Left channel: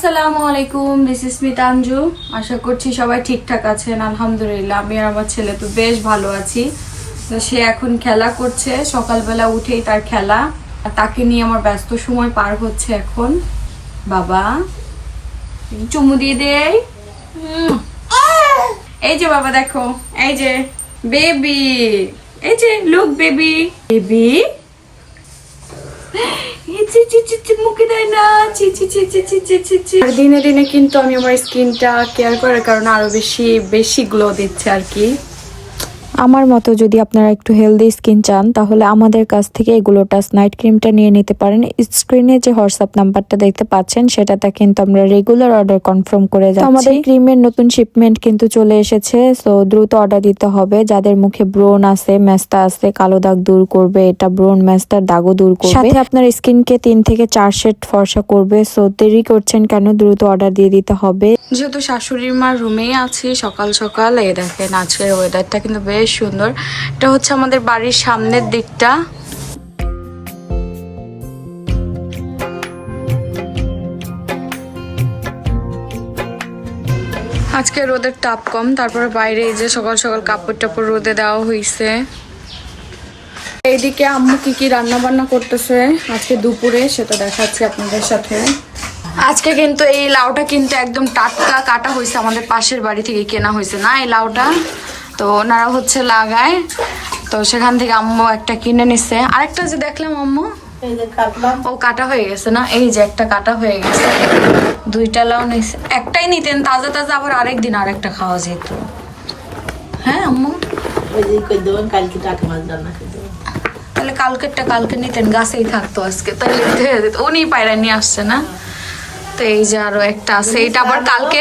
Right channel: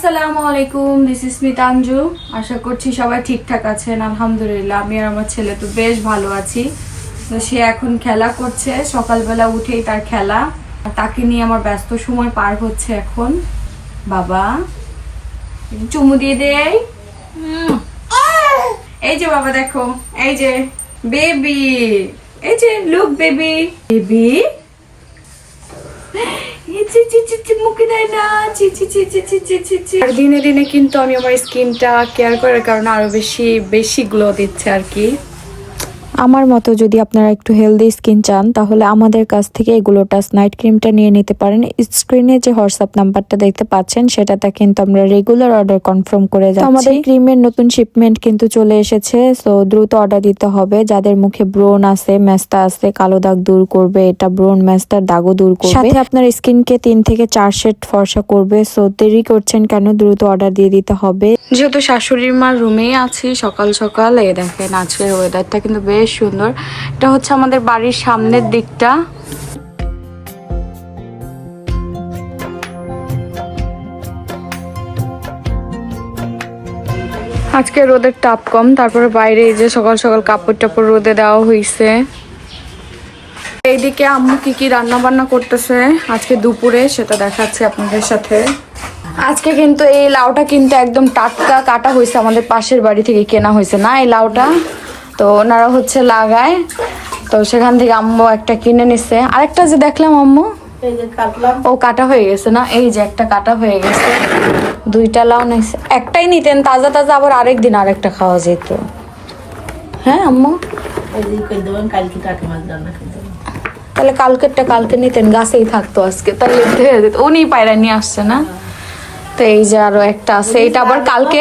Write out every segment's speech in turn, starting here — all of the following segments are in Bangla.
আসসালামু আলাইকুম, দিস ইজ মিতাঞ্জু। আশা করছি সবাই ঠিকঠাক আছেন। আলহামদুলিল্লাহ আমি আর আমার ছেলে তো বেশ ভালো আছি। তো সে এখন খেলা করছে, সকালবেলা উঠেই তার খেলা, তাকে নিয়ে আমার ব্যস্ত সময় পার হচ্ছে এখন। বাবা চুমু দিয়ে দেই। এই যে বাবা দেখো, এই যে বেবি, এই যে লুক বেবি বেবি, দিনে দিনে কিন্তু আমি আমার স্কিনটা কেয়ার করার কারণে আরো বেশি বেশি গ্লো দিচ্ছে আর কি। আমার মতো যদি আপনারা একটু হেলদি স্কিন চান তাহলে আমাদের কাছ থেকে গ্লোটাস নাইট ক্রিমটা নিয়ে নিতে পারেন। স্ক্রিনে যে হোয়াটসঅ্যাপ নাম্বারটা দেখতে পাচ্ছেন সেটাতে কিন্তু আমরা রেগুলার অর্ডার কনফার্ম করে যাচ্ছি। আমাদের ক্রিমের নতুন শিপমেন্ট কিন্তু চলে এসেছে, সো দ্রুত অর্ডার দিতে হবে। যাদের মুখে ব্রণ আছে, মেস্তা আছে, কালো দাগ দূর করবে এটা, ব্রণ মেস্তার দাগও দূর করবে, সাথে আপনার স্কিনকে 3 থেকে 4 শেড ফর্সা করবে। সো দেরি করছেন কেন, দ্রুত অর্ডার দিয়ে দিতে হবে। যেহেতু শাশুড়ির মার রুমেই আছি, সকাল সকাল এই দেখেন আজকের ওয়েদারটা কিন্তু বেশ সুন্দর। এটা হচ্ছে আমাদের বাড়ির সামনের দিকটা। আজকে রোদের তাপ কম, তারপরে বাইরে এই যে সকাল সকাল কাপড় টাপড় রোদে দেওয়া হয়েছে। এইদিকে আম্মু কি কি রান্না বান্না করতেছে আজকে দুপুরে সেটা দেখাচ্ছি আপনাদের সাথে। আজকে কিন্তু এই লাউটা কিন্তু একদম টাটকা কাটা হয়েছে, আমাদের পাশের বাড়ি থেকে কেনা হয়েছে না এই লাউটা, তো ওনারা হচ্ছে লাগায়, তো সেখান থেকে আম্মু একটা কিনে নিচ্ছে। আরেকটা যে দেখলাম আম্মু ও কাটা হয়ে গেছে না, এই যে একটা কাটা হয়ে গেছে, 2টা লাউ নিচ্ছে। একটাই নিতেন তাজা তাজা, আবার আরেকদিন আরেকটা খাওয়া যেত। হ্যাঁ আম্মু তাহলে কালকেরটা কালকে নিতেন, গাছেই থাকতো আজকে, তাহলে উনি পায়রা নিয়ে আসছে না। তো এই যে আরো একটা আছে, এটা আবার কালকে,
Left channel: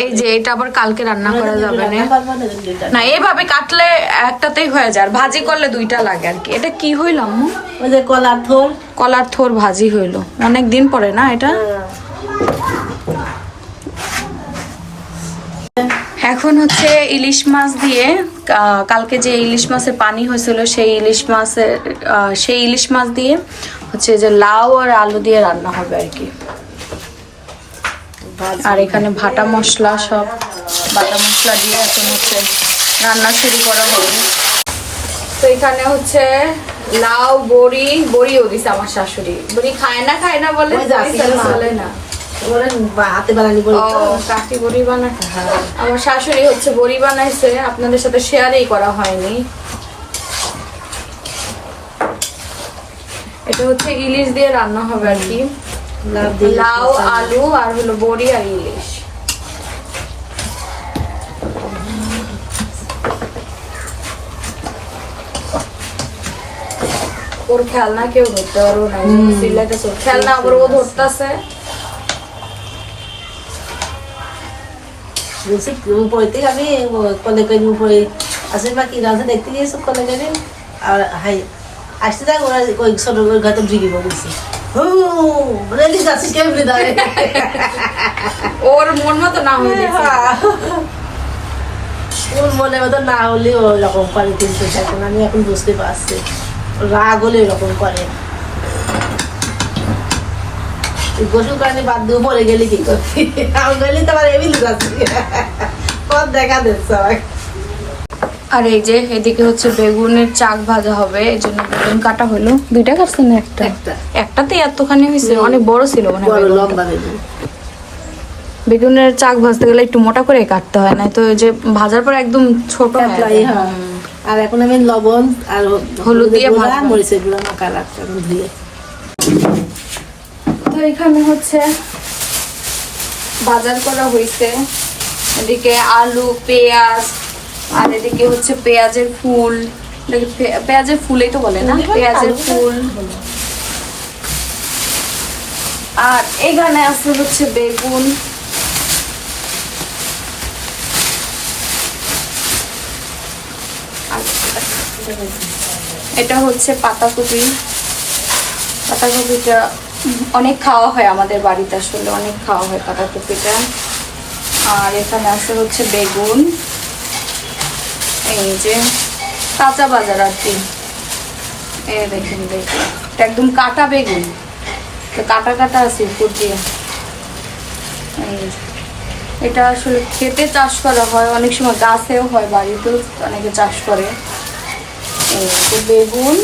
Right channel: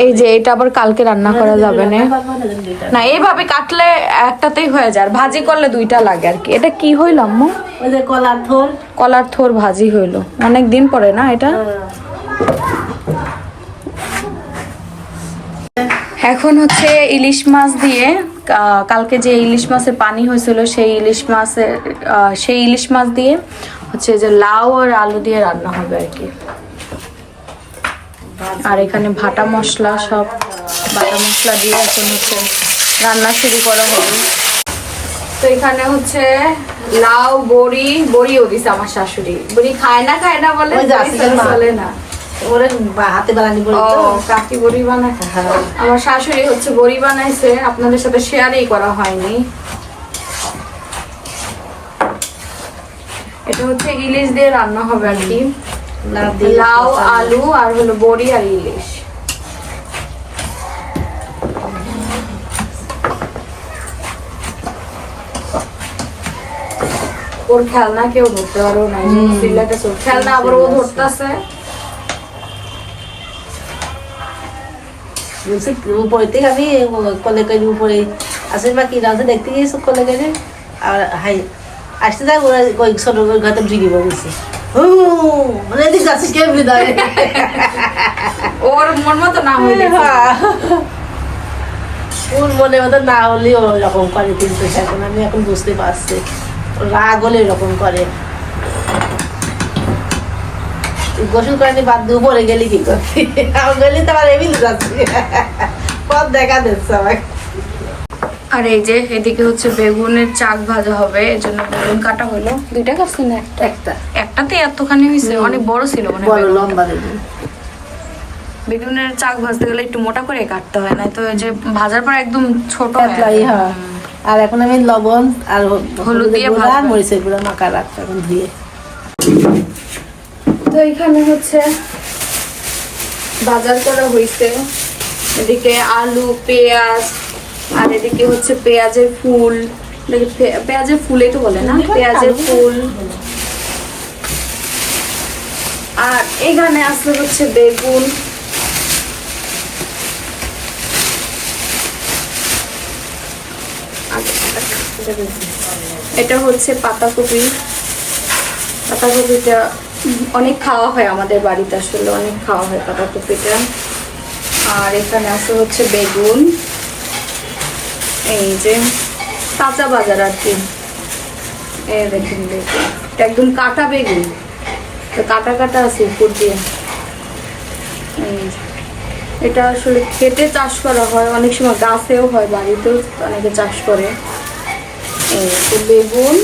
এই যে এটা আবার কালকে রান্না করা যাবে না, না এইভাবে কাটলে একটাতেই হয়ে যায়, আর ভাজি করলে 2টা লাগে আর কি। এটা কি হইল আম্মু? কলার থোর ভাজি হইলো, অনেক দিন পরে না এটা। এখন হচ্ছে ইলিশ মাছ দিয়ে, কালকে যে ইলিশ মাছের পানি হয়েছিল সেই ইলিশ মাছ দিয়ে হচ্ছে যে লাউ আর আলু দিয়ে রান্না হবে আর কি। আর এখানে ভাটা মশলা, সব বাটা মশলা দিয়ে এখন হচ্ছে রান্না শুরু করা হবে। তো এখানে হচ্ছে লাউ, বড়িও দিছে আমার শাশুড়ি। বড়ি খায় না বলে চলে না, কাকি বড়ি বানাতে। আমার শাশুড়ি হচ্ছে বড়ি বানাইছে, আপনাদের সাথে শেয়ারই করা হয়নি। এটা হচ্ছে ইলিশ দিয়ে রান্না হবে আর কি, লাউ আলু আর হলো বড়ি আর ইলিশ। ওর খেলনা কেউ ধরতে পারবো না, খেলনা আবার ও ধরতেছে। আমি কলেজে আসলে বাকি দেখতে গিয়েছো কলেজে, আর হাই আসতে যাক ওরা ওই ছোট ঘরে ভিড়ে পড়েছে। ওর মন মতো না হইলে, ওর মনের মতো না হলে ওরকম করে, কিন্তু এখন আমি এখন বুঝতে পারছি রাগ হলে এরকম করে। গোসল কারণে বাদ দিয়ে পরে গেলি কি করবি, আমি গেলি তো আমার এমনি যাচ্ছি পথ দেখা দিচ্ছে আমাকে। আর এই যে এদিকে হচ্ছে বেগুনের চাক ভাজা হবে, এই জন্য বেগুন কাটা হলো। 2টা কাটছি না একটাতে এতখানি হয়েছে, অনেক বড় ছিল মানে বড় লম্বা বেগুন। বেগুনের চাক ভাজতে গেলে একটু মোটা করে কাটতে হয়, না তো এই যে ভাজার পর একদম ছোট হয়ে যায়। আর এখন আমি লবণ আর হলুদ দিয়ে মরিচের গুঁড়া মাখা রাখতাম ধুয়ে। তো এখানে হচ্ছে বাজার করা হয়েছে, এদিকে আলু, পেঁয়াজ, আর এদিকে হচ্ছে পেঁয়াজের ফুল, পেঁয়াজের ফুলেই তো বলে না, পেঁয়াজের ফুল। আর এখানে আসলে হচ্ছে বেগুন, এটা হচ্ছে পাতাকপি। পাতাকপিটা অনেক খাওয়া হয় আমাদের বাড়িতে, আসলে অনেক খাওয়া হয় পাতাকপিটা। আর এখানে আছে হচ্ছে বেগুন, এই যে কাঁচা বাজার আর কি। এই দেখুন বেগুন, একদম কাটা বেগুন, তো কাটা কাটা আছে উপর দিয়ে। এই যে। এটা আসলে খেতে চাষ করা হয়, অনেক সময় গাছেও হয়, বাড়িতেও অনেকে চাষ করে। এই তো বেগুন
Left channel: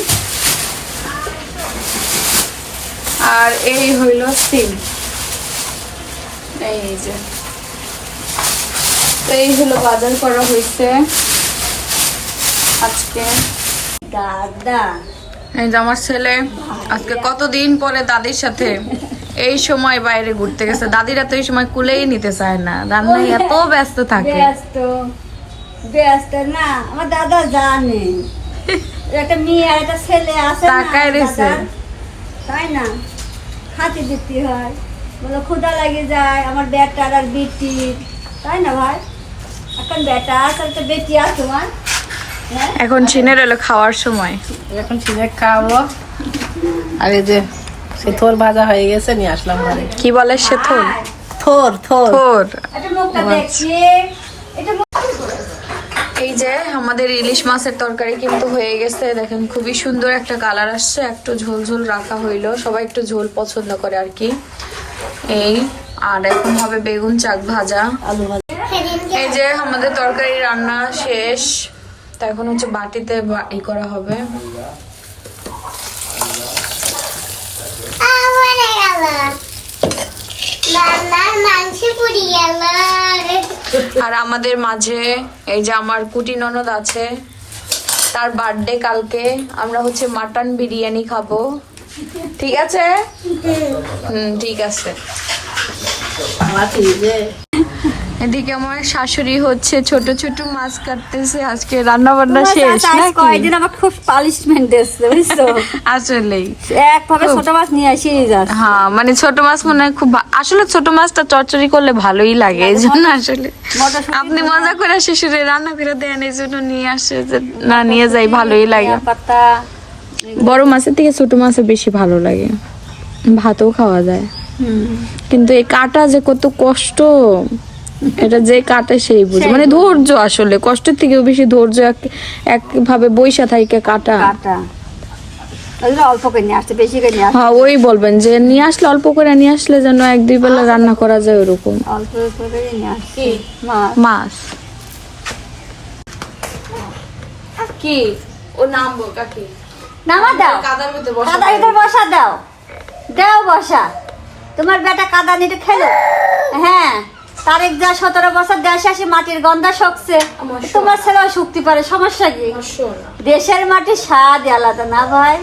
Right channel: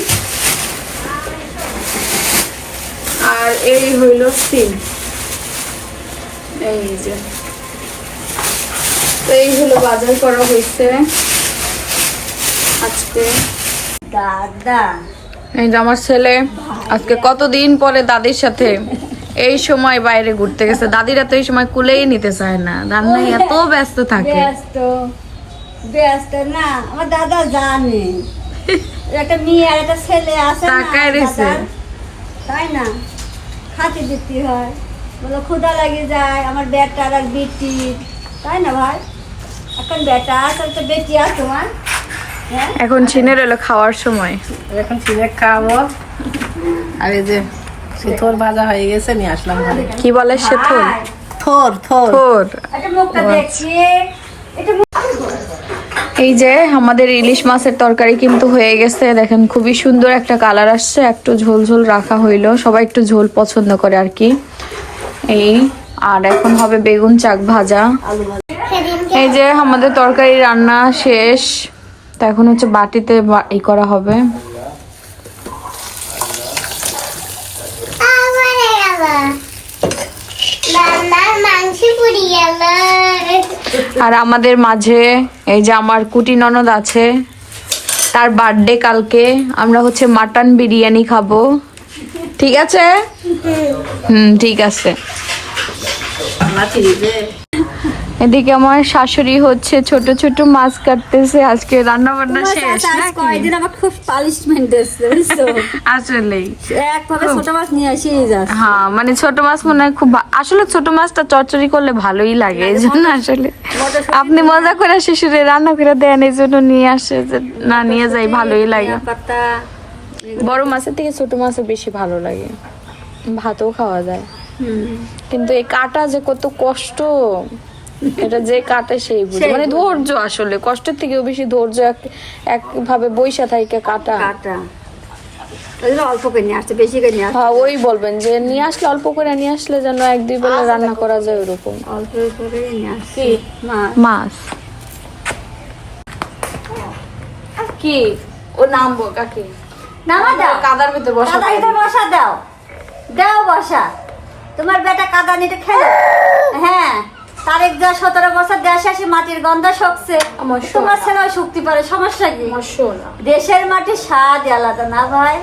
আর এই হইল সিম। এই যে, তো এই হলো বাজার করা হয়েছে আজকে। দাদা এই যে আমার ছেলে আজকে কতদিন পরে দাদির সাথে এই সময় বাইরে ঘুরতে গেছে। দাদিরা তো এই সময় কুলেই নিতে চায় না, রান্নায় এত ব্যস্ত থাকে। ব্যস্ত না, আমার দাদা জানে একটা মেয়ে আর একটা ছেলে আছে না তাকায় রয়েছে। দাদার, তাই না? খাতে দিতে হয়, বলো ক্ষুধা লাগে যায় আমার বেটার আর বেটি, তাই না ভাই? এখন বেটা আছে একটা বেটি আছে তোমার। হ্যাঁ, এখন ছিনের এলো খাওয়ার সময়। এখন সিনে খাবো। আর এই যে থোর ভাজা হয়ে গেছে, নিয়ে আসলাম ঘরে। কি বলে সে থোর? থোর থোর থোর। একটা মুখটা দেখছি, এটা এই যে আমাদের ইলিশ মাছের তরকারি কিন্তু হয়ে গেছে, দেখেন খুবই সুন্দর একটা কালার আসছে। একটু ঝোল ঝোল রাখা হইলো, সবাই একটু ঝোল পছন্দ করে আর কি। এই আর এখন হবে বেগুন চাক ভাজা। আলু ভাজা। এই যে আমাদের তরকারি রান্না শেষ, তো এখন হচ্ছে বাটিতে ই করা হবে। আর আমাদের মাঝে এই যে আমার কুটি ননদ আছে, তার বার্থডে কালকে। আমরা হচ্ছে মাটন বিরিয়ানি খাবো, ঠিক আছে? ঠিক আছে। আমার ফ্রিজে এদিকে আমার শাশুড়ি হচ্ছে ছোট ছোট মাছ কাটতেছে, আজকে রান্না বান্না তোমার শেষ চাচা আজ নাকি? কয়দিন আমার খুব পানিশমেন্ট দিচ্ছে, বুঝছো? আসলেই একভাবে ছোট মাছ নিয়ে আসি যাচ্ছে। হ্যাঁ, মানে ছোট মাছ মনে হয় খুব আসলে ছোট মাছটা চচ্চড়ি করলে ভালোই লাগে, এই জন্য আসলে আপনি মজা করে শ্বশুরে রান্না করে দেন, এই জন্য নিয়ে আসে যে না নিয়ে যাই, ভালোই লাগে। পাতা বড় মাছের থেকে ছোট মাছের বেশি ভালো লাগে, ভাতও খাওয়া যায়। কিন্তু এই কাটা যে কত কষ্ট, এটা যে কাটে সেই বুঝে, মানে ধৈর্য, আসলে কষ্টের থেকেও বেশি ধৈর্য। একভাবে বইসা থাকে কাটা। কাটা ওই জন্য অল্প করে নিয়ে আসছে, বেশি করে নিয়ে আসছে। হ্যাঁ, ওই বলবেন যে নিয়ে আসলে অল্প করে নিয়ে আসলে যেন 1-2 বেলা রান্না করা যায় ওরকম। অল্প করে নিয়ে আসছে মাছ। মাছ কি ও নামবো কাকে নামা দাও, কাদার ভিতর বসা কাদার ভিতর বসা দাও, দাও বসা। তোমার বেটা কাদা নিতে খেলো। হ্যাঁ, তারেক যা 17 বছর দেশে আসে মাটির গন্ধ শোকছে, আমার সোনা। তোমার ছেলেও শুকতে পারে, সমস্যা কি? শোনা দেশের মাটির স্বাদ আলাদা না ভাই?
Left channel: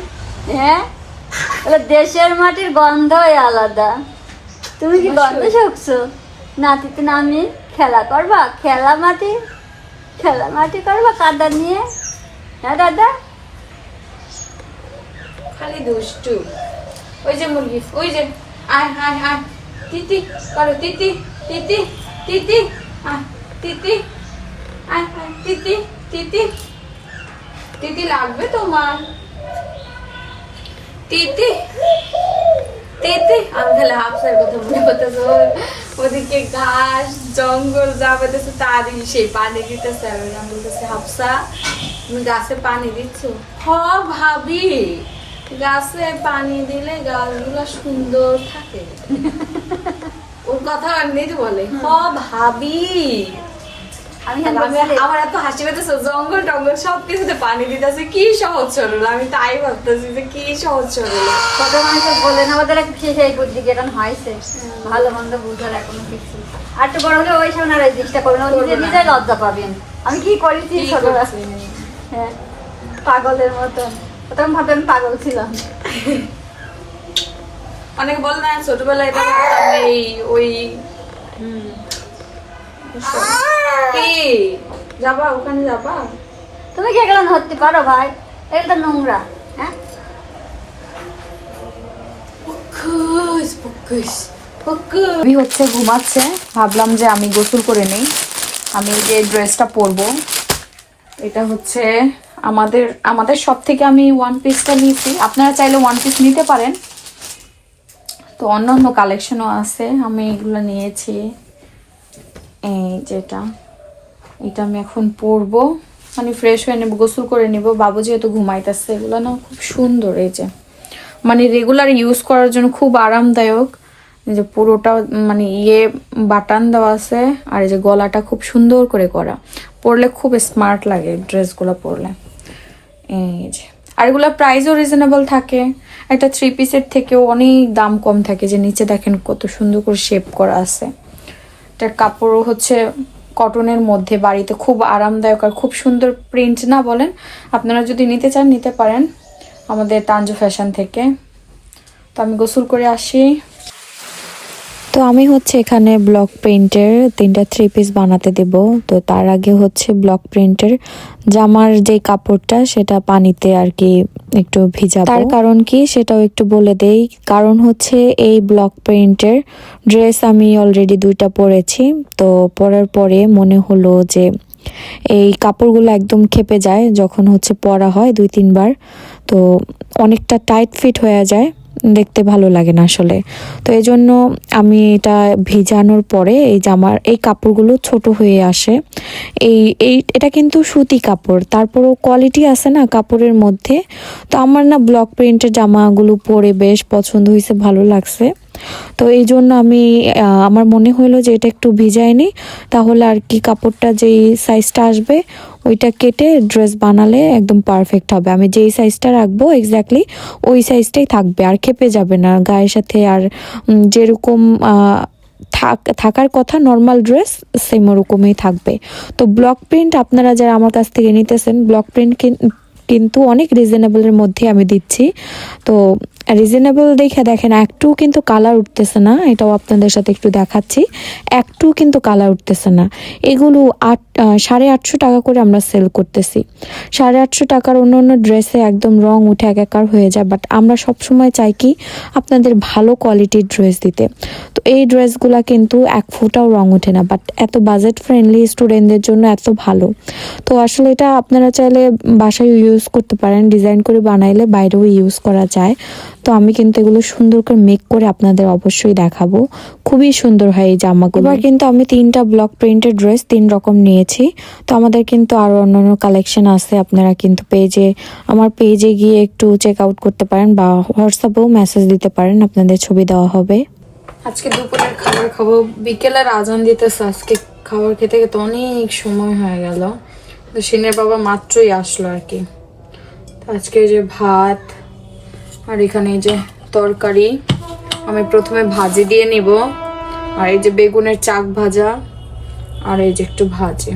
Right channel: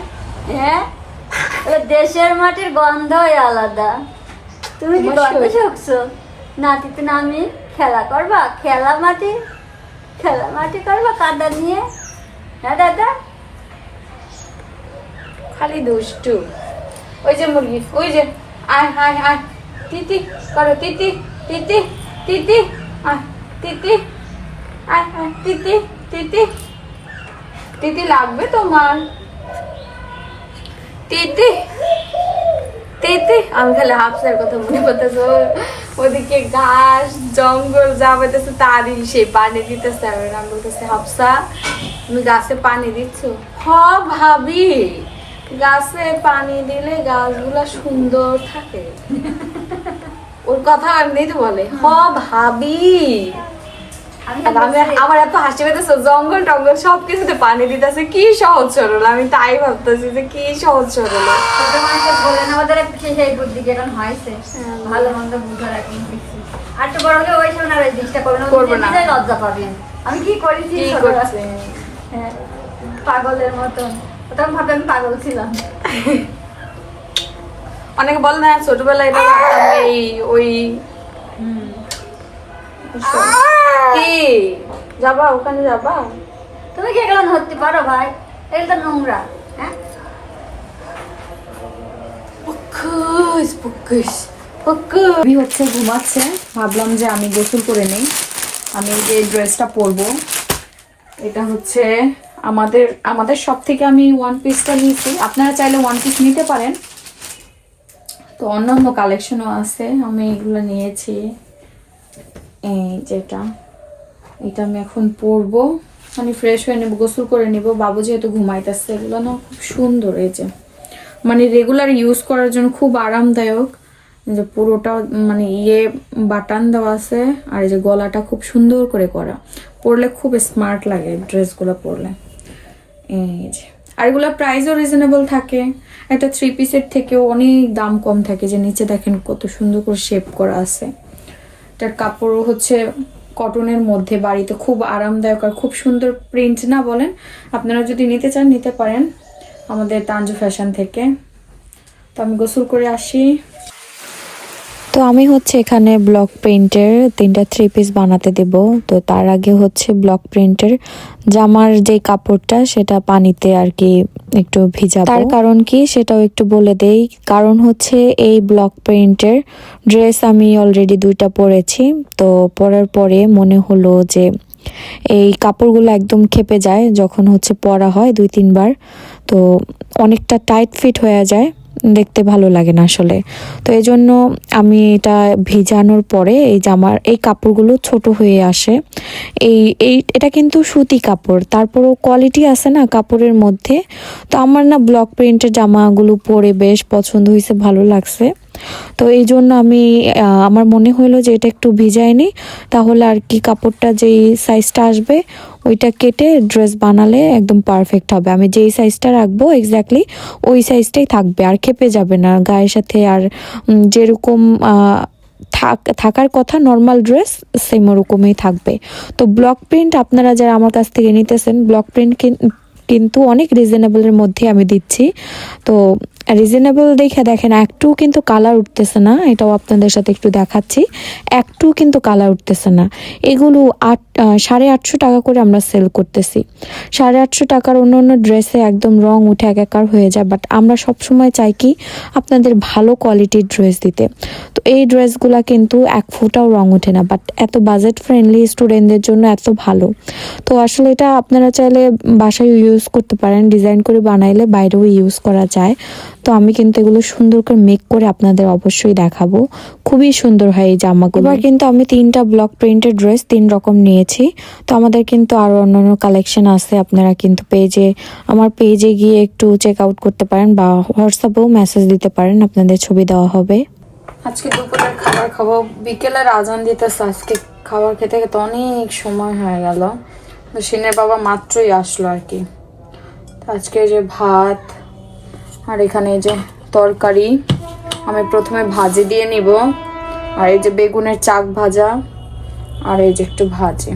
হ্যাঁ, এটা দেশের মাটির গন্ধই আলাদা। তুমি কি অবশ্যই। গন্ধ শুকছো? নাতিতে নামি খেলা করবা, খেলা মাটি করবা কাদা নিয়ে। হ্যাঁ দাদা, খালি দুষ্টু। ওই যে মুরগি, ওই যে আয় হায় হায় তিতি করো, তিতি তিতি তিতি আয় তিতি আয় হায় তিতি তিতি তিতি লাগবে তোমার তিতি তিতি। আমি খালি হাফসার কথা মনে করতেছে, ওদিকে ঘাস জঙ্গল যা পাইতেছে তারই সেই পানি দিতেছে। আমি বলতেছে হাফসা তুমি গাছে পানি দিচ্ছ? হ ভাবি, গাছে পানি দিলে গাছগুলা সুন্দর থাকে। ওর কথা এমনি তো বলে হ ভাবি। আর আমি আমার এত হাসি পেতেছে, জঙ্গল টঙ্গল সবকিছুতে পানি দিতেছে, কি সহজ সরল। আমি তাই ভাবতেছি যে কি সহজ সরল। ছোট মানুষের বলে নেওয়া দ্বারা সেই বুদ্ধি যেরকম হয়েছে, ভালো মন্দ বুঝার এখনো কিছু। আর তো বড় হলে ওই সামনে আর এই জিনিসটা করবো করবো না। না, নিজেই লজ্জা পাবেন। আমি কি করেছি কি ছোটবেলায়? করছে? হ্যাঁ, পাগলের মতন। তখন ভাবে আমি পাগল ছিলাম। অনেকে বলে না ছোটবেলায় এটা করতাম, এই ওই কি যাবা ওখানে যাবা? তুমি কি এগুলো ধরতে পারো ভাই? এটা তো নোংরা। হ্যাঁ, আমি হচ্ছে ঘুমাচ্ছে, ভাবলাম যে আমি গোসল করে নেই। আমি যে ড্রেসটা পরবো এটা হচ্ছে আমাদের সব থেকে আমি ওয়ান পিসটা নিয়েছি। আপনারা চাইলে ওয়ান পিস নিতে পারেন, তো অন্যান্য কালেকশনও আছে, আমি এগুলো নিয়েছি। এই যেটা, এটা আমি এখন পরবো, মানে ফ্রেশ হয়ে নেবো, গোসল করে নিব। বাবু যেহেতু ঘুমাইতেছে, এগুলো না খুব সুন্দর। এই যে মানে রেগুলার ইউজ করার জন্য খুব আরামদায়ক। এই যে পুরোটা মানে বাটন দেওয়া আছে, আর এই যে গলাটা খুব সুন্দর করে করা, পরলে খুব স্মার্ট লাগে ড্রেসগুলো পরলে। এই যে আর এগুলো প্রাইসও রিজনেবল থাকে, একটা 3 পিসের থেকেও অনেক দাম কম থাকে। যে নিচে দেখেন কত সুন্দর করে শেপ করা আছে। এটার কাপড়ও হচ্ছে কটনের মধ্যে, বাড়িতে খুব আরামদায়ক আর খুব সুন্দর প্রিন্ট না বলেন। আপনারা যদি নিতে চান নিতে পারেন আমাদের তানজু ফ্যাশন থেকে। তো আমি গোসল করে আসি। তো আমি হচ্ছে এখানে ব্লক প্রিন্টের 3টা 3 পিস বানাতে দেব। তো তার আগে হচ্ছে ব্লক প্রিন্টের জামার যে কাপড়টা সেটা পানিতে আর কি একটু ভিজাবো। তার কারণ কি সেটাও একটু বলে দেই। কারণ হচ্ছে এই ব্লক প্রিন্টের ড্রেস আমি অলরেডি 2টা পরেছি। তো পরার পরে মনে হলো যে এই কাপড়গুলো একদম খেপে যায় যখন হচ্ছে পরা হয় 2-3 বার। তো অনেকটা টাইট ফিট হয়ে যায়, দেখতে ভালো লাগে না আসলে। তো এই জন্য আমি এটা ভিজানোর পরে এই জামার এই কাপড়গুলো ছোট হয়ে আসে। এটা কিন্তু সুতি কাপড়, তারপরও কোয়ালিটি আছে না কাপড়ের মধ্যে। তো আমার না ব্লক প্রিন্টের জামাগুলো পরে বেশ পছন্দ হয়েছে, ভালো লাগছে। তো এই জন্য আমি আমার মনে হলো যে এটা একটু ভিজাই নি, তাহলে আর কি কাপড়টা যেই সাইজটা আসবে ওইটা কেটে ড্রেস বানালে একদম পারফেক্ট হবে। আমি যেই সাইজটা রাখবো এক্স্যাক্টলি ওই সাইজটাই থাকবে, আর খেপে যাবে না গায়ের সাথে। আর যেরকম থাকার কথা নর্মাল ড্রেস সেম ওরকমই থাকবে। তো ব্লক প্রিন্ট আপনারা যারা আমার কাছ থেকে নিতেছেন, ব্লক প্রিন্ট কিন্তু অনেক রিজনেবলের মধ্যে আমি দিচ্ছি। তো রিজনেবল দেখে দেখেন একটু কিন্তু কালার উঠতেছে না, এটাও আপনাদের সাথে একটু দেখাচ্ছি। একটু কিন্তু কালার উঠতেছে না। এগুলো 850 টাকা করে আমরা সেল করতেছি। 850 টাকার অন্য ড্রেসে একদম রং উঠে একাকার হয়ে যায়, বাট আমরা সবসময় চাই কি আপনাদের ভালো কোয়ালিটির ড্রেস দিতে। তো এই ড্রেসগুলা কিন্তু 1 ফুটাও রং ওঠে না, বাট এত বাজেট ফ্রেন্ডলি স্টুডেন্টদের জন্য এত ভালো। তো আসলে এটা আপনারা চাইলে বাসায় ইউজ করতে পারেন, ডিজাইন করে বানাইলে বাইরেও ইউজ করা যায়। তো আমি কিন্তু এগুলো সুন্দর করে মেক করে আপনাদের অবশ্যই দেখাবো, খুবই সুন্দর হয় এই জামাগুলো। এবার কিন্তু আমি 3টা ব্লক প্রিন্টের ড্রেস 3 রকম নিয়েছি। তো আমাদের কিন্তু আরো অন্যান্য কালেকশন আছে, আপনারা কিন্তু আমার পেজে গিয়ে একটু চেক আউট করতে পারেন বা হোয়াটসঅ্যাপেও মেসেজ দিতে পারেন, আপনাদের ছবি দেওয়া হবে। আজকে দুপুরের খাবার খাবো, বিকেলের আজান দিতেছে। আজকে খাবার খেতে খেতে অনেক সময় হয়ে গেল। তো সিনের বাবা মাত্রই আসলো আর কি। তো আজকে যে ভাত আর এখানে এই যে তরকারি, আমি প্রথমে ভাজি দিয়ে নিব। আর এই যে বেগুনের চাক ভাজা, আর এই যে একটু ভাজি।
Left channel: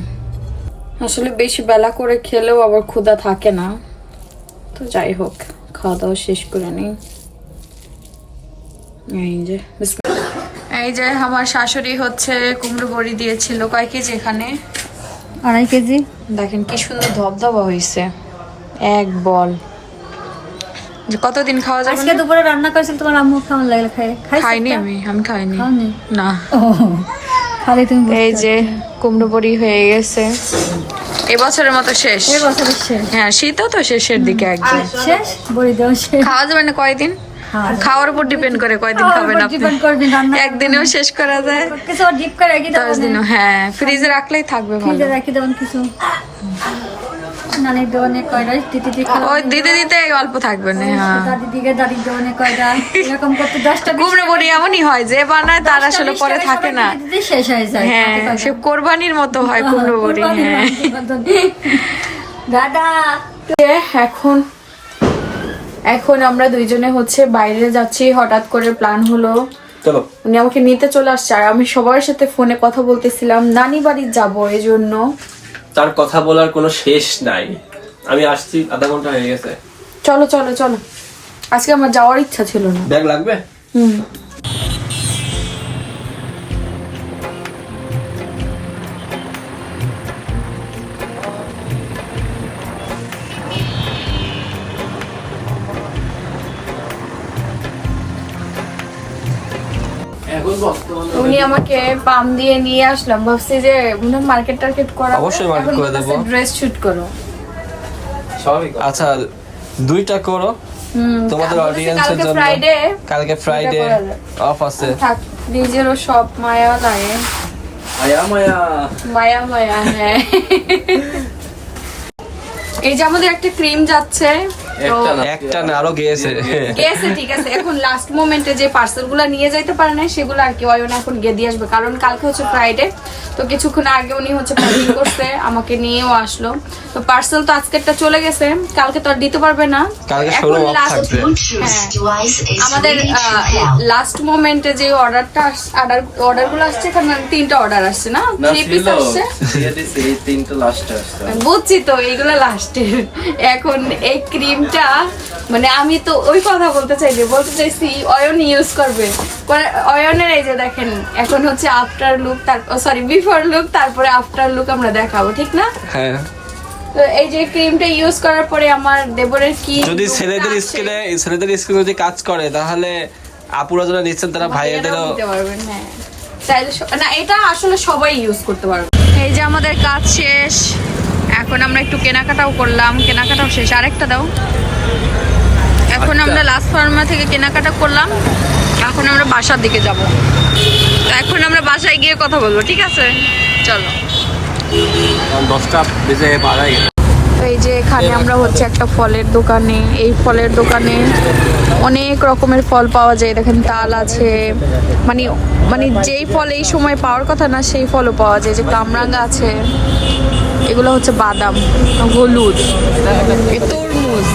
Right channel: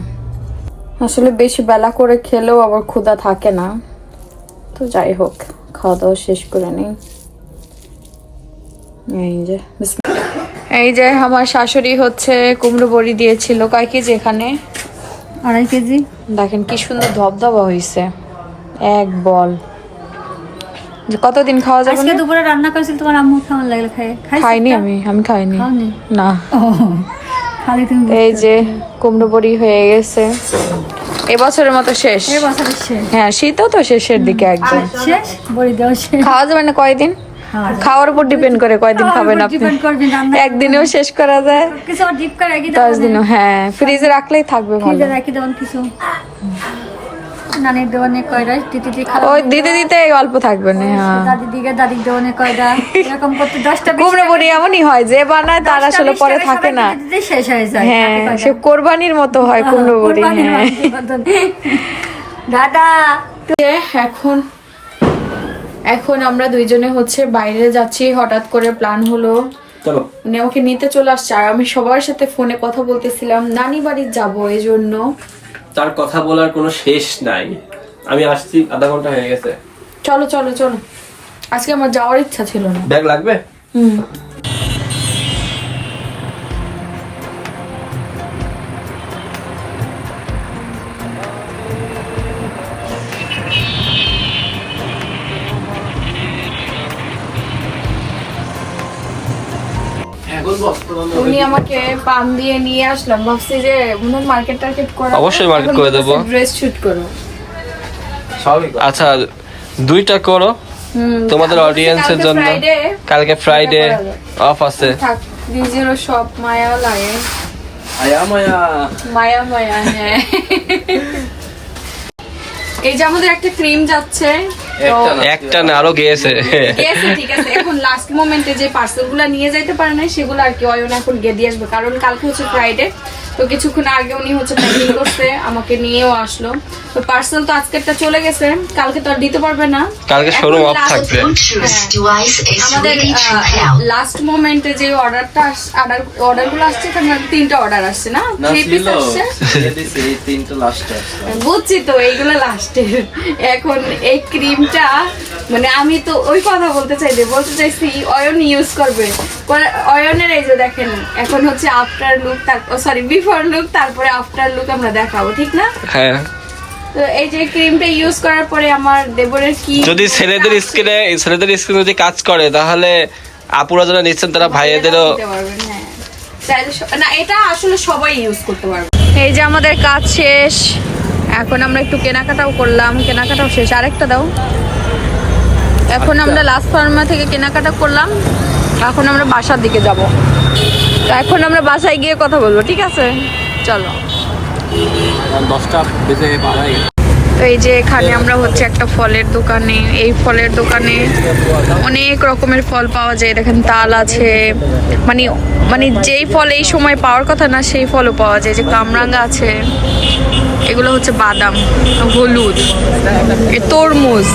আসলে বেশি বেলা করে খেলেও আবার ক্ষুধা থাকে না, তো যাই হোক খাওয়া দাওয়া শেষ করে নিই। এই যে আমার শাশুড়ি হচ্ছে কুমড়ো বড়ি দিয়েছিল। কয় কেজি এখানে? 2.5 কেজি। দেখেন কি সুন্দর ধবধবা হয়েছে, এক বল। কতদিন খাওয়া যাবে? আজকে দুপুরে রান্না করেছিল তোমার আম্মু, কেমন লাগলো? খাইনি আমি খাইনি না। খালি তুমি। এই যে কুমড়ো বড়ি হয়ে গেছে, এবছরের মতো শেষ। হ্যাঁ, শীতও তো শেষের দিকে একদম শেষ, বড়ি দেওয়া শেষ। খাওয়া যাবে না কয়দিন? খাওয়ার উপর ডিপেন্ড করে কয়দিন খাবেন আপনি। একদিনেও শেষ করা যায়, 10 দিনও। হ্যাঁ, ফ্রিজে রাখলেই থাকবে ভালো। রাখি দেবেন কিছু নানির দোকানে কয়টা, ওই দিতে দিতে অল্প থাকবে না। হ্যাঁ, দাদির দোকানে কয়টা, এরকম করতে 10টা কুমড়ো বড়ি এমনই হয়, যে বানায় তার আসলে পরে থাকে না। শেষ হয়ে যায়। হ্যাঁ, সে কোরবানির মতো হয় কুমড়ো বড়ি। হ্যাঁ দাদা, এখন আমরা দুইজনে হচ্ছে বাইরে যাচ্ছি। হঠাৎ করে প্ল্যান হলো, উনি আমাকে নিতে চলে আসছে। আর আমি সবার সাথে ফোনে কথা বলতেছিলাম, নানি বাড়ি যাবো, এই জন্য। তার কথা বলার কোনো শেষ নাই। আমি আসছি, আধা ঘন্টা হয়ে গেছে। চলো চলো চলো, আজকে আমার যাওয়ার ইচ্ছা ছিল না। ব্যাগ লাগবে? উনি আমাকে পাম দিয়ে নিয়ে আসলাম, ভাবছি যে উনি মার্কেট টার্কেট করা। অবশ্যই মার্কেট করে দেবো। ড্রেস শুট করো। আচ্ছা, 2টা করো তোমাদের অডিয়েন্সের জন্য। কালকে ফ্রাইডে অফ আছে। নিজেরও সব মায়া লাগে, মায়া মায়া। হ্যাঁ, এই যে আমাদের একটা ক্রিম যাচ্ছে, একটা না আরো গিয়েছে। গেছে ঠিক আছে, এখন লাস্ট মোমেন্টে যে পার্সেলগুলো নিয়ে যাইতে পারে না সেগুলো আর কি অয়ন এখন গিয়ে দিয়ে আসবে, কারণ কালকে হচ্ছে ফ্রাইডে। তো কিছুক্ষণ আগে উনি হচ্ছে প্যাকিং করছে, আমাকে নিয়েও আসলো। তো পার্সেল তো আজকেরটা চলে গেছে, কালকে তো আর দিতে পারবে না, কালকে শোরুম অফ থাকবে। আমাদের লাস্ট মোমেন্টে যে অর্ডারগুলো আসছে, এখানে 3টা অর্ডার আসছে না, 3 পিস আসছে। বুঝছি তো, এইগুলো লাস্টের। এখন এই ক্রিমটা মানে আমি তো ওই কথা বলতে চাইছি অয়ন ইউজ করবে। অয়নের এই যে দেখেন এখন হচ্ছে after look, sorry before look, তারপরে আফটার লুক আমরা দেখাবো, ঠিক না? হ্যাঁ। তো এই যে ক্রিমটা ইউজ করার পরে আমার দেবরের কি যদি ছেলেদের স্কিনে যদি কাজ করে তাহলে আপুরা যারা নিচ্ছেন তারা ভাইয়েদেরও দিতে পারবেন। হ্যাঁ, চাইলে না, এটা আসলে সবাই ইউজ করতে পারবে। এই যে আমাদের কাজ শেষ, এখন আমরা একটু কেনাকাটাও করলাম, কেনাকাটাও শেষ। আরেকটা দাও। এখন আমরা লাস্ট ফার্মা থেকে কেনাকাটা করলাম, এখন আমরা বাসার দিকে যাব। তো এখন আমরা বাসায় গিয়ে কথা বলবো, ঠিক আছে? চলো। 10টা বেজে বাড়াই। তো এই যে এখানে আমরা হচ্ছে একটা ফলের দোকানে, এই ফলের দোকানে অনেক রকমের ফল পাওয়া যায়। দেখেন তাল আছে, মানে যেই ফল এই সময় পাওয়ার কথা না সেই ফলও পাওয়া যায়। যে কামরাঙ্গা আছে, এগুলো হচ্ছে বাদাম, হলুদ, তরমুজ,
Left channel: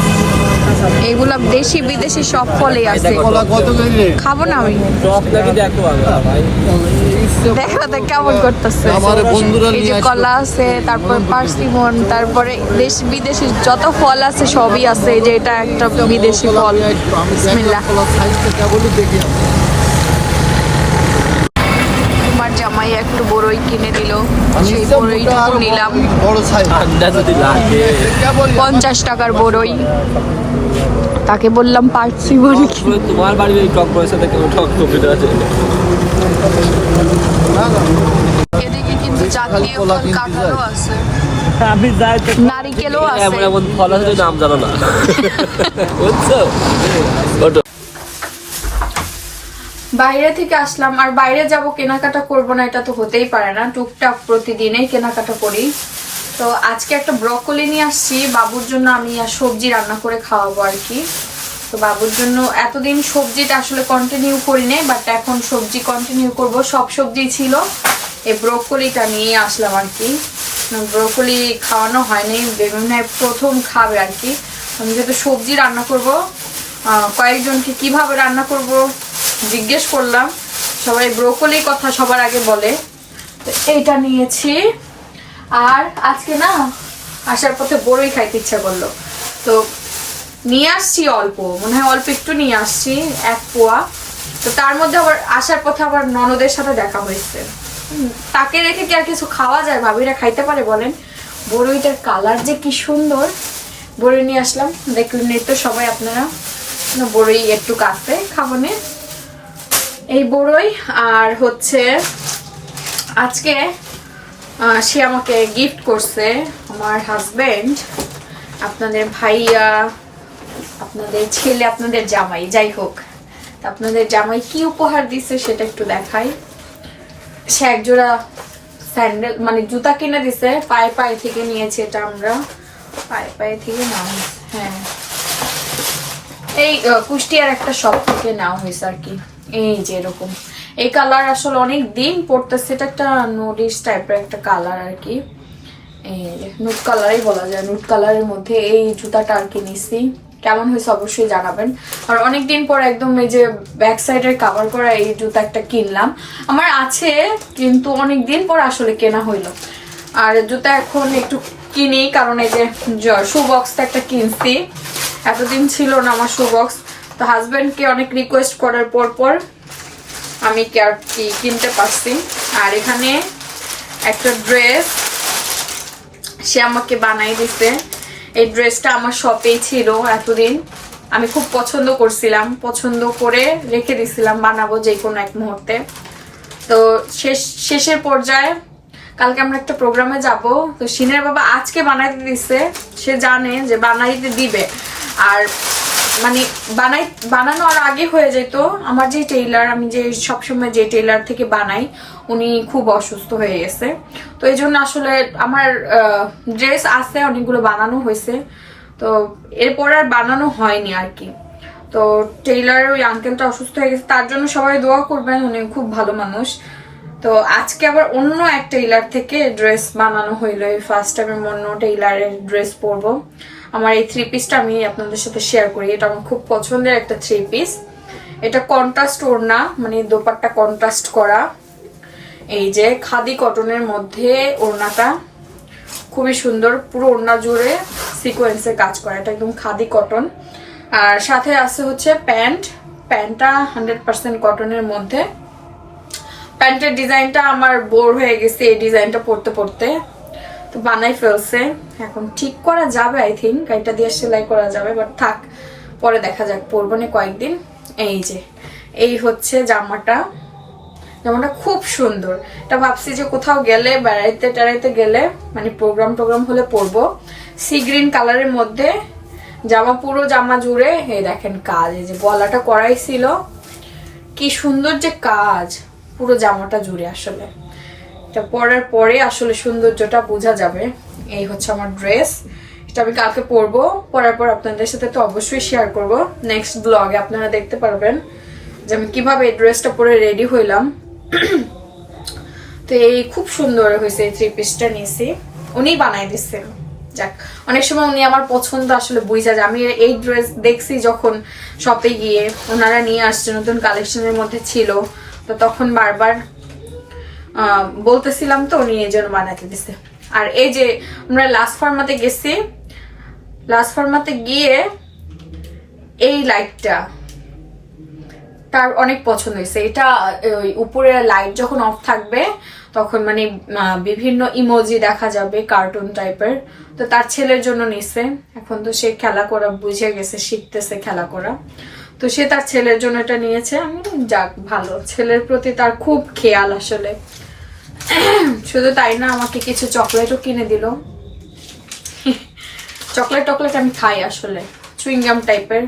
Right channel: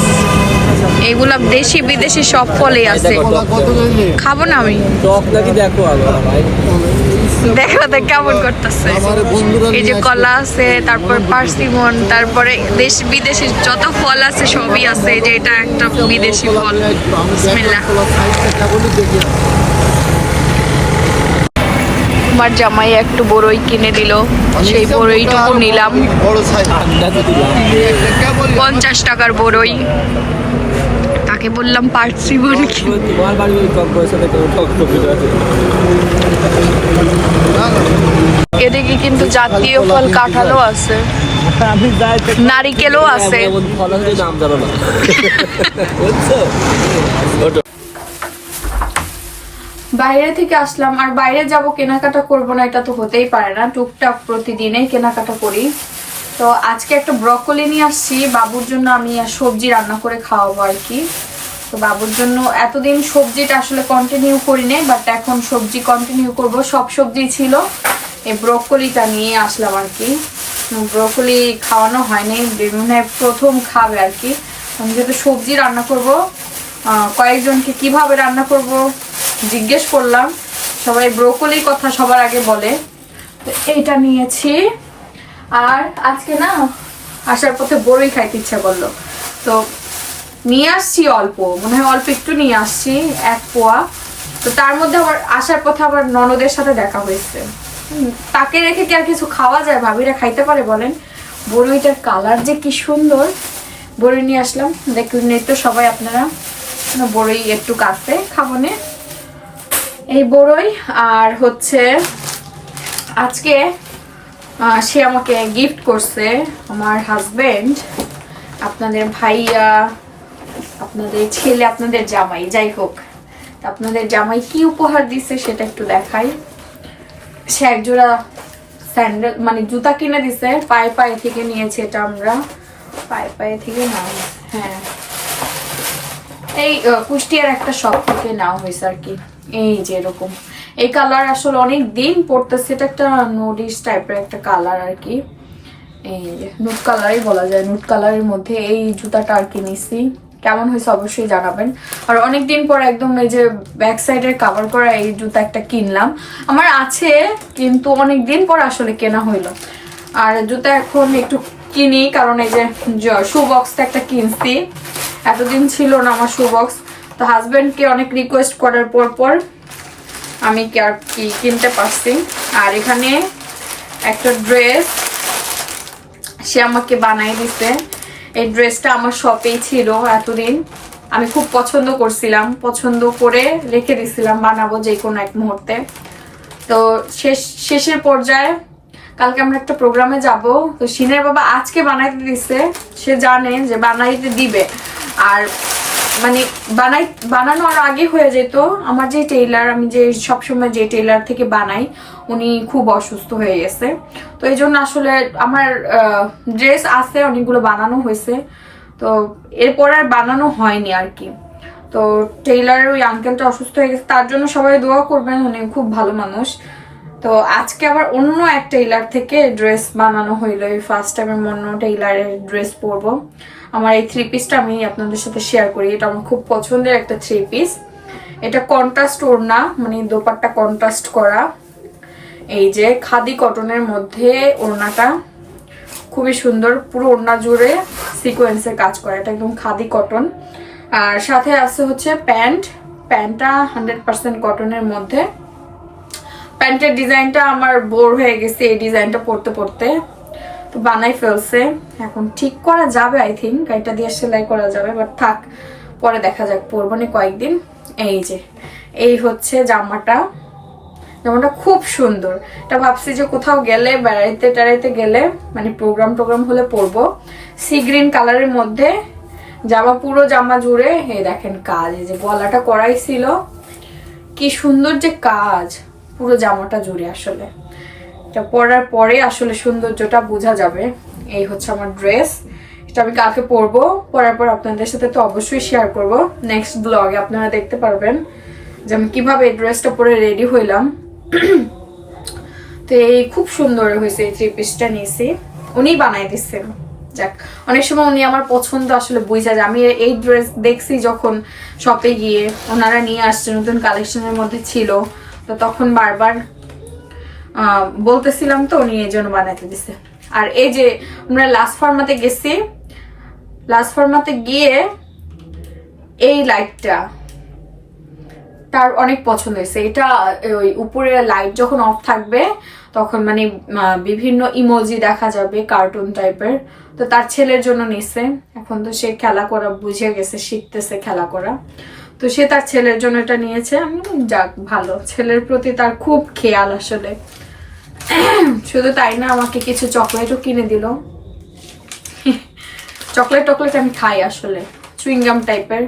এগুলা দেশি বিদেশি সব ফলই আছে। খাবো না আমি, দেখো তো কেমন করতেছে। এই যে কলা আছে, তারপর পার্সিমন, তারপরে দেশ বিদেশি যত ফল আছে সবই আছে। যে এটা একটা বিদেশি ফল। বিসমিল্লাহ। আমার জামাই একটু বড়ই কিনে দিল, সেই বড়ইটুকু নিলাম। 50 টাকার বড়ই। তাকে বললাম পার্সিমন। তোমার বাড়ি ওই টক বয়সে টক টপিটা আছে। এদিকে কিন্তু জাতীয় ফল কাঁঠালও আছে, নারিকেলও আছে। এমন ফল আছে নাম জানো না, বুঝছো? বাইরে থেকে আসলাম, আর বাইরে যাব কেনাকাটা করব না এটা তো হতেই পারে না। টুকটাক প্রতিদিনই কেনাকাটা করি। তো আজকে একটা ব্রকলি নিয়ে আসছি বাবুর জন্য, আমি আর সবজি রান্না করে খাওয়াবো আর কি। তো বাবুর জন্য এতদিন সবজিটা আসলে কন্টিনিউ করি নাই, বাট এখন সবজি কন্টিনিউ করব। সব সবজি ছিল, এই ব্রকলিটা নিয়ে আসলাম আর কি। ব্রকলি খাওয়ানো হয়নি, মানে প্রথম খাবে আর কি। আমি যেহেতু সবজি রান্না করব, কয়েকজনকে কিভাবে রান্না করব জিজ্ঞেস করলাম, সবাই ব্রকলির কথা সবার আগে বলে। তো এইটা নিয়েছি। আর আজকে না আসার পথে বড়ই খাইতে ইচ্ছা করলো, তো নিয়ে আসছি অল্প, মনে হয় অল্প একটু নিয়ে আসছি, 1 পোয়া। তো তার মধ্যে আবার আসার পথে আবার ননদের সাথে দেখা হয়েছে। তাকে রেখে কি আর কিছু খাওয়া যায়? ভাবিরা খাইতে পারে বলেন? বড়ইটার কালার যে কি সুন্দর। বড়ই নিয়ে আসলাম, দেখলেন তো সবাই আপনারা। বড়ই একটু কাটতে খাবো না, এই বড়ই। আর হচ্ছে আজকে সে আমাকে গিফট করছে আমার হাজবেন্ড, আপনাদের ভাইয়া, আপনাদের ছেলে, আপনাদের জামাই, যাই হোক। আপনাদের জামাই কি উপহার দিচ্ছে সেটা একটু দেখাই। সে একজোড়া স্যান্ডেল মানে জুতা কিনে দিছে, পায়ে থেকে নিয়েছে এটা আমরা, পায়ে থেকে নাও। হ্যাঁ, এই কুষ্টিয়ার একটা শপ থেকে নেওয়া হয়েছে আর কি। এই যে এরকম এই কালার আসলে অনেক দিন পড়তেছে, এটা একটা নুডিশ টাইপের একটা কালার আর কি। এই যে নুট কালারই বলা যায়, নুট কালারের মধ্যে এই জুতাটা আর কি নিছি। কেমন হয়েছে অবশ্যই জানাবেন। আর অনেকদিন পর একদম এই যে ব্যাক সাইডের কভার করা এই জুতা একটা কিনলাম, আমার আছে কিন্তু অনেকদিন পর আসলে কেনা হইলো। আর জুতা এখন একটু কিনি, কারণ এই যে শু বক্সটা একটা কিনছি, এতদিন ছিল না আমার শু বক্স। তো হাজবেন্ডকে অনেক রিকোয়েস্ট করার পর আমি কি আর কি কিনতে পারছি। আর এখানে একটা ড্রেস সে আমাকে বানাই দিছে। এই ড্রেসটা আমার শপেই ছিল এতদিন, আমি খুব পছন্দ করছিলাম, পছন্দ করে রেখে দিছিলাম বানাবো যে কোনো এক মুহূর্তে। তো শেষের পর্যায়ে কালকে আমরা একটা প্রোগ্রামে যাব, তো সিনের বাবা আজকে বানাইতে দিছে। সে জানে যে বানাইতে দিবে, আর মানে বানানোর আগে হয়ে যেত। আমার যে টেইলার, আমি যে সবসময় যে টেইলার থেকে বানাই, উনি খুব অসুস্থ হয়ে গেছে। তো এই জন্য আসলে আমার ড্রেস আছে, অনেকগুলো বানানো হয়েছে। তো তো এরপর আর বানানো হয়নি আর কি। তো টেইলার ওই আঙ্কেলটা অসুস্থ হয়ে গেছে, তার জন্য সবাই দোয়া করবেন, উনি খুব ভালো মানুষ। তো আজকে আবার অন্য এক টেইলার থেকে ড্রেস বানানো হইলো, এই ফার্স্ট টাইম আমি অন্য টেইলারের ড্রেস পরবো। আমার এই 3 পিসটা আমি আপনাদের সাথে শেয়ার করি, এটা আমার খুব পছন্দের একটা 3 পিস। এটা কন্ট্রাস্ট ওড়না, মানে দোপাট্টা কন্ট্রাস্ট করা, এই যে খাদি কটনের মধ্যে ওড়নাটা খুবই সুন্দর, পুরো ওড়না জুড়ে সিকোয়েন্সের কাজ করা, এটা একদম খাদি কটন। আর সাথে আছে হচ্ছে প্যান্টটা 100% কটনের মধ্যে। প্যান্টের ডিজাইনটা আমার বোর হয়ে গেছে এই ডিজাইনটা পরতে পরতে, তো বানাই ফেলছে, এখন ঠিক করা যাবে, আই থিঙ্ক এটা দিয়ে সেলাই করা যাবে, বাট থাক পরে দেখা যাক, পরবো না কয়েকদিন। এই যে এই হচ্ছে জামাটা খুব সুন্দর, এটা ভাবছি যে কোথাও গেলে বেড়াইতে টেড়াইতে গেলে, মানে প্রোগ্রাম হলে পরবো। সি গ্রিন কালারের মধ্যে জামা, পুরো জামা জুড়ে এই দেখেন কাজ, এই যে গলাটা করাই ছিল, কি সুন্দর যে কাজ পুরো জামাটা জুড়ে। আসলে এটা পরার পরে আসলে সৌন্দর্যটা বোঝা যাবে। এই হচ্ছে আমার ড্রেস, এটা আমি কালকে পরবো, পরার পর আপনাদের সাথে তো অবশ্যই শেয়ার করব নেক্সট ব্লগে, আপনারা দেখতে পারবেন যে আমি কিভাবে এই ড্রেসটা পরে রেডি হইলাম। তো এই খুব সুন্দর হয়েছে, এই 3 পিসটা নিয়েছি, উনি বানাই দিচ্ছেন। যাক, অনেক সময় উনি আমার পছন্দ আসলে বুঝা যায়। আমি এই ড্রেস দেখছি যখন শপে গিয়ে, ওনারা নিয়ে আসছে, নতুন কালেকশনের মধ্যে ছিল, তো তখন বারবার বলতেছিলাম, তো উনি এই জন্য বানাইতে দিছে। আর এই যে আমরা লাস্ট ফার্মাতে গেছি, লাস্ট ফার্মাতে গিয়ে এই লাইটটা তার অনেক পছন্দ হয়েছে। এটা ওই উপরে লাইট যখন অফ থাকবে তখন মানে বিভিন্ন ইমোজি দেখা যাবে, কার্টুন টাইপের। তো তার ছেলের জন্য নিছে, এখন তো সে খেলা করা বুঝে গেছে, শিখতেছে খেলা করা, তো সে তার ছেলের জন্য এটা নিয়েছে। আমি যাক, ভালো, ছেলের প্রতি তার খুব খেয়াল আসলে। শুধু তাই না, আমাকে কিছু চকলেটও কিনে দিল। চকলেট আমি খাই আসলে, চুইংগাম টাইপের,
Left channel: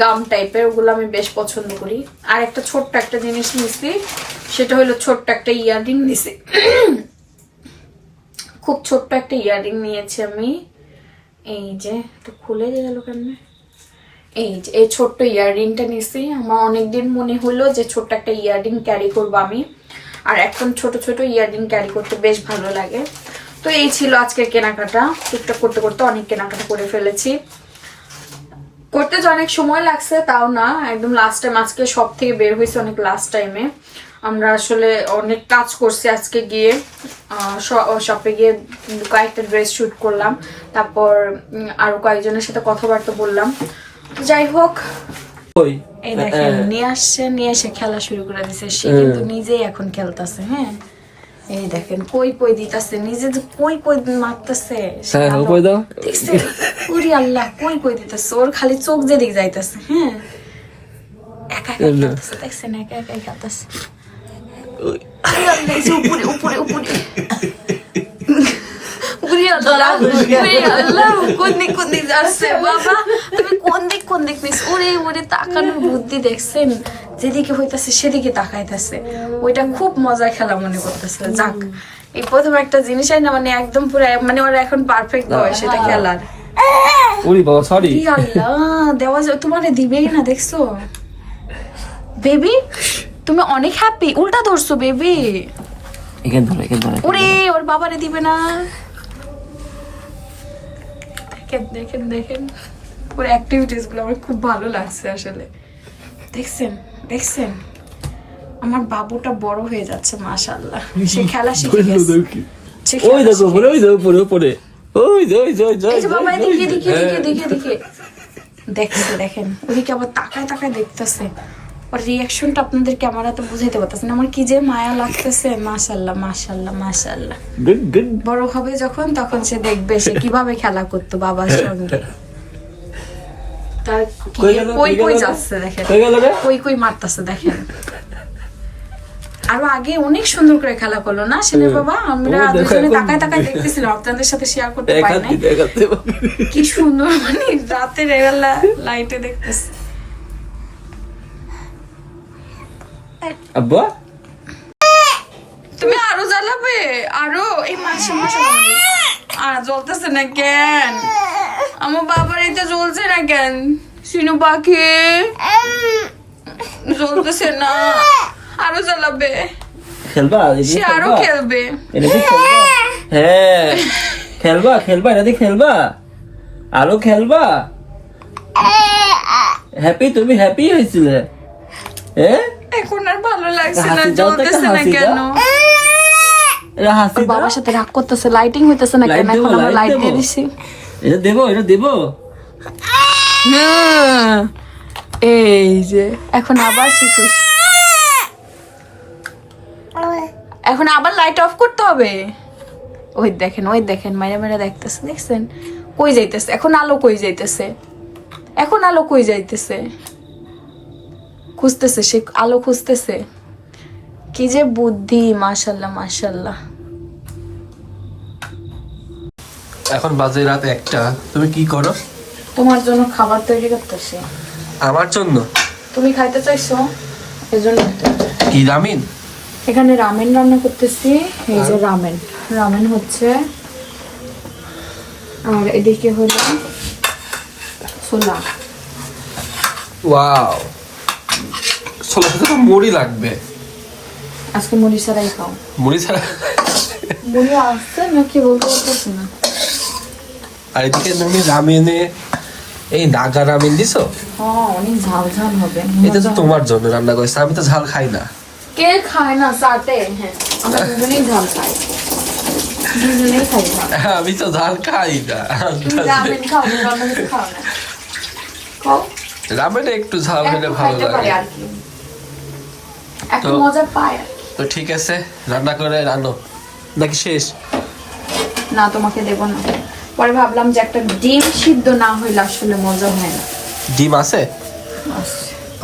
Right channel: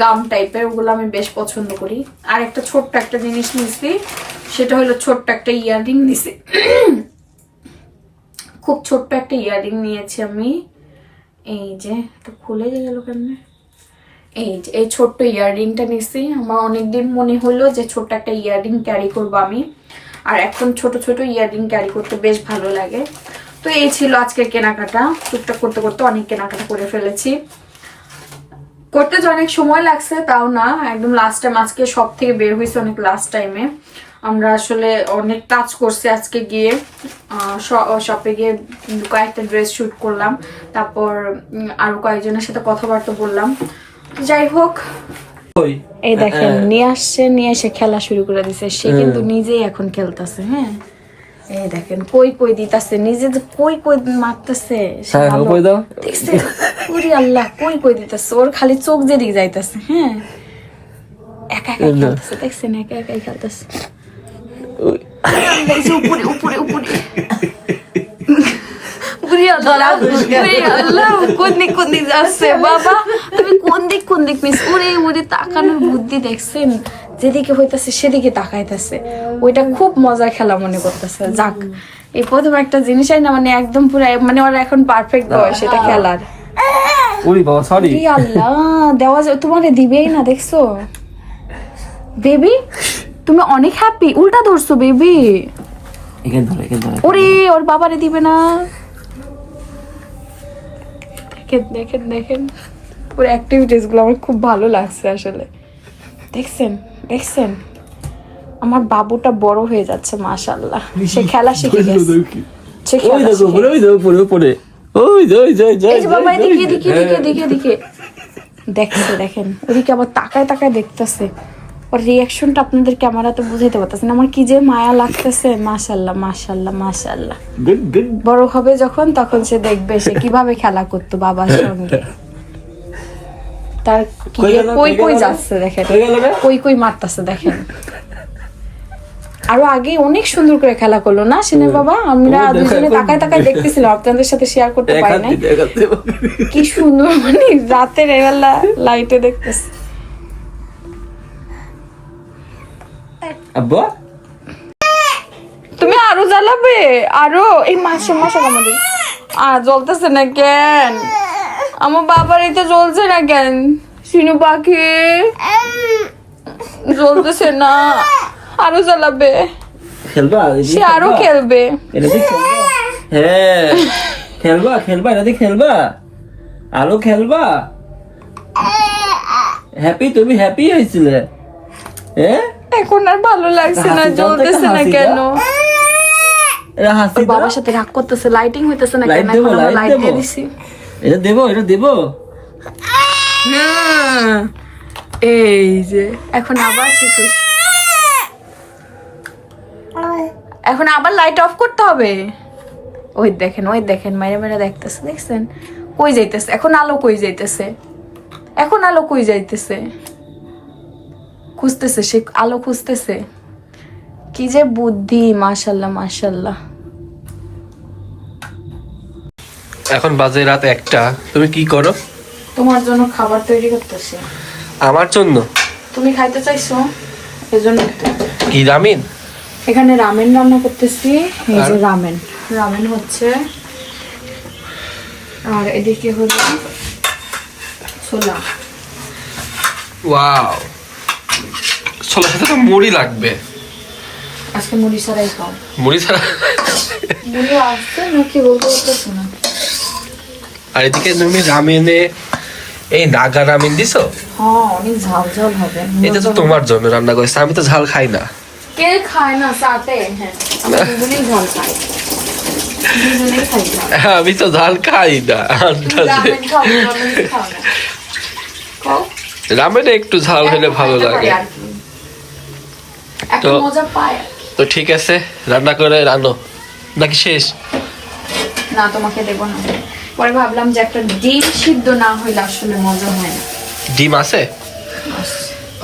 গাম টাইপের, ওগুলো আমি বেশ পছন্দ করি। আর একটা ছোট্ট একটা জিনিস নিয়েছি, সেটা হলো ছোট্ট একটা ইয়াররিং নিয়েছি, খুব ছোট্ট একটা ইয়াররিং নিয়েছি আমি। এই যে একটু খুলে গেল কেমনে, এই যে এই ছোট্ট ইয়াররিংটা নিয়েছি। আমার অনেকদিন মনে হলো যে ছোট্ট একটা ইয়াররিং ক্যারি করবো আমি, আর এখন ছোট ছোট ইয়াররিং ক্যারি করতে বেশ ভালো লাগে। তো এই ছিল আজকের কেনাকাটা, টুকটাক করতে করতে অনেক কেনাকাটা করে ফেলেছি। করতে যে অনেক সময় লাগছে তাও না, একদম লাস্ট টাইম, আজকে সব থেকে বের হয়েছে অনেক লাস্ট টাইমে। আমরা আসলে অনেক কাজ করছি আজকে গিয়ে, শপে গিয়ে কয়েকটা ড্রেস শুট করলাম, তারপর আরো কয়েকজনের সাথে কথাবার্তা বললাম। যাই হোক, এই দেখেন নিয়ে আসছে, নিয়ে এসে খেলা শুরু করে দিছে। সে কিন্তু নিজেই এখন খেলতেছে। হ্যাঁ, এই দেখেন কই দিতাছে, নিজে যে কই মারতেছে, উরি আল্লাহ, কই দিতেছে, ওর খালি চোখ যেদিকে যাইতেছে। হ্যাঁ, একা একা খেলতেছে, দেখছেন, একা একাই খেলতেছে। উপরে উপরে উপরে কোন দিক যাচ্ছে বাবা, তুমি কোন দিক মিস, ওরে তাকানোর বুদ্ধি দেখছেন, যেদিকে হইতাছে সেদিকে তাকাইতেছে। ওইটা খুব মজার খেলা মনে করতেছে। যাক, এই প্রথম একটা জিনিসই না, মানে একদম পুরো, মানে ওরা এখন পারফেক্ট বয়স এটা খেলার। দেওয়া তোমার দিবেই না, দেখছো বেবি, তুমি অনেক হ্যাপি, উল্টা ধরছো বেবি, ওরে ওর বাবারে দিবে না। দেখেন দেখেন পুরো অ্যাক্টিভিটিস গুলো আমার খুব ভালো লাগছে আসলে। দেখছেন আমার বাবুটা বড় হয়ে যাচ্ছে, মাশাআল্লাহ, সে খেলা শিখে গেছে। দেখেন ওদিকে আবার তাকায় দেখতেছে, ওর রিয়াকশনটা আপনাদের ক্যামেরাতে বুঝাইতে পারতেছেন আমার কি যে মায়া লাগতেছে। মাশাআল্লাহ মাশাআল্লাহ মাশাআল্লাহ, বড় হবে যখন তখন সে দেখবে সে কিভাবে খেলা করতো বাবার সঙ্গে। তার কই যাচ্ছে দেখেন, কই মারতেছে দেখেন। আরো আগে অনেক সুন্দর করে খেলা করলো না সিনের বাবা, আমরা দুজনে তাকায় দেখতেছিলাম, আপনাদের সাথে শেয়ার করতে পারি না। কি সুন্দর, মানে রাতের বেলা লাইটে দেখতেছি। আব্বা তুমি আরো জ্বালাবে, আরো এই মাসে আমাদের আর জ্বলতেছে না কেন? আমার বাবার এটা জ্বলছে না কেন? শিনু পাখি জ্বলতেছে না, আরো জ্বালাবে, খেলবা সে আরো খেলবে। এটা দিয়ে খেলবা? হ্যাঁ খেলবা খেলবা, এটা দিয়ে খেলবা, আরো খেলবা। হ্যাপি, তুমি হ্যাপি হয়েছিলে? হ্যাঁ এখন আর ভালো লাগছে না, হাসি দাও তো, একটা জ্বলতেছে না হাসি কেন? দাও। এটা হাসি দাও। বাবার সাথে রাগ করতেছে, লাইটিং হইতেছে না লাইট কেন? দেবো, এখন আমরা লাইট লাইট দিয়ে দেবো। দিছি। এটা দেবো, এটা দেবো। হুম, এই যে এখন আবার শিশু, এখন আবার লাইট অফ করতে হবে। ওই দেখেন, ওই দেখেন, মাইরা মাইরা দেখতেছে, দেখছেন? কই যাইতেছে এখন আলো? কই যাইতেছে এখন আলো? কই যাইতেছে? খুঁজতেছে সে, আলো খুঁজতেছে। কি যে বুদ্ধি, মাশাল্লাহ মাশাল্লাহ। এখন বাজে রাত 1টা, তুমি কি করো? তোমার জন্য খাবার তৈরি করতেছে। আমার জন্য? তুমি খাইতে চাইছো, এজন্য তো। কি রামিন? এখানে রামেন রান্না করতেছি। এই যে রামেন, রামেন হচ্ছে, আর এদিকে হলো ছোলা। ওয়াও, ছোলার সাথে তো মুড়ি লাগবে। আজকে মুড়ি ছাড়াই খাও। মুড়ি ছাড়া? মুড়ি আসছে নাকি বলতে পারতেছি না। আর এদিকে তুমি রামেনে এই নাগা রামিন দিছো? হ্যাঁ, অনেক ঝাল ঝাল হবে। এটা তো তোমার জন্য রান্না করেছে, আমি তো ঝাল খাই না। কে খায় না সাথে? হ্যাঁ, আমরা দুজনেই ঝাল খাই, দুজনেই খাই ঝাল। আমি তো ঝাল খাই না। রামেন খাও, রামেন খাও না। খাও। রামেনে একটু ঝাল হলে ভালো খাইতে পারি লাগে। আর কি। একটা তো- মজা পায়। তো ঠিক আছে, রান্না করে রানো নাকি শেষ? না, তোমাকে দেবো না। পরে ভাবলাম যে একটা ডিম সিদ্ধ না হইলে আসলে মজা হয় না। ডিম আছে?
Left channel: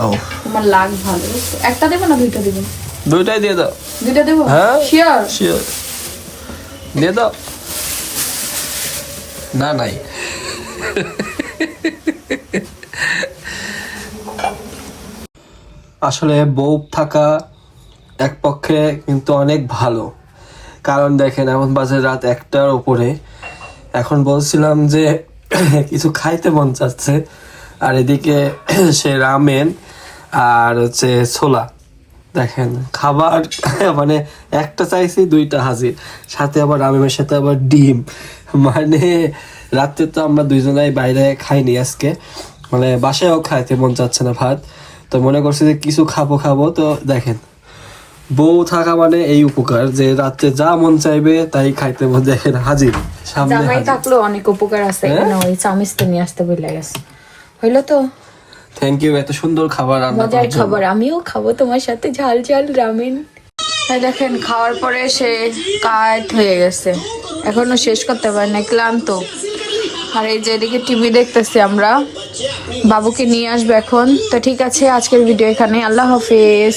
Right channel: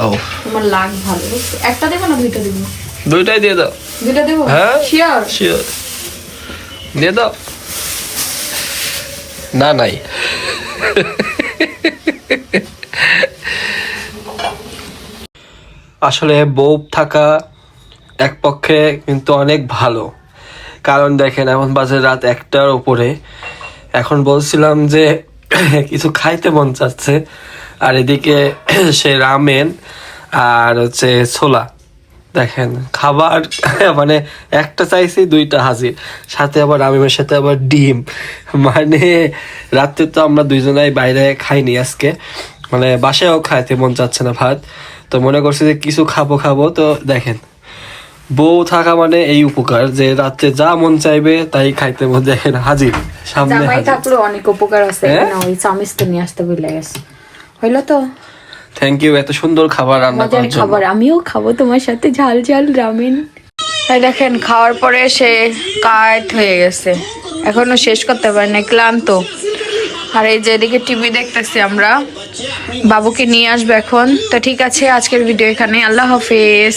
ও, তোমার লাগ ভালো, বুঝছো? একটা দেবো না দুইটা দেবো? দুইটাই দিয়ে দাও। দুইটা দেবো? হ্যাঁ শিওর? শিওর, দিয়ে দাও। না নাই। আসলে বউ থাকা এক পক্ষে কিন্তু অনেক ভালো, কারণ দেখেন এখন বাজে রাত 1টার উপরে। এখন বলছিলাম যে কিছু খাইতে মন চাচ্ছে, আর এদিকে সে রামেন আর হচ্ছে ছোলা। দেখেন খাবার মানে একটা চাইছি, দুইটা হাজির, সাথে আবার রামেনের সাথে আবার ডিম। মানে রাত্রে তো আমরা দুইজনাই বাইরে খাইনি আজকে, মানে বাসায়ও খাইতে মন চাচ্ছে না ভাত, তো মনে করছি যে কিছু খাবো। তো দেখেন বউ থাকা মানে এই উপকার, যে রাত্রে যা মন চাইবে তাই খাইতে মন। দেখেন হাজির, সামনে জামাই হাজির। থাকলেও অনেক উপকার আছে। হ্যাঁ? না, ওই চামিচ তো নিয়ে আসতে ভুলে গেছে। হইলো তো থ্যাংক ইউ এত সুন্দর খাবার রান্না মজার করার জন্য। খাবার, আমিও খাবো তোমার সাথে ঝাল ঝাল রামেন। তাই দেখেন খাওয়ার পরে সে কাঠ হয়ে গেছে, এখনো শেষ করতে পারি না, ক্লান্ত। আর এই যে এদিকে টিভি দেখতেছি আমরা, বাবুকে নিয়ে আসবে এখন। তো ঠিক আছে, আজকের ভিডিও এখানে, আল্লাহ হাফেজ।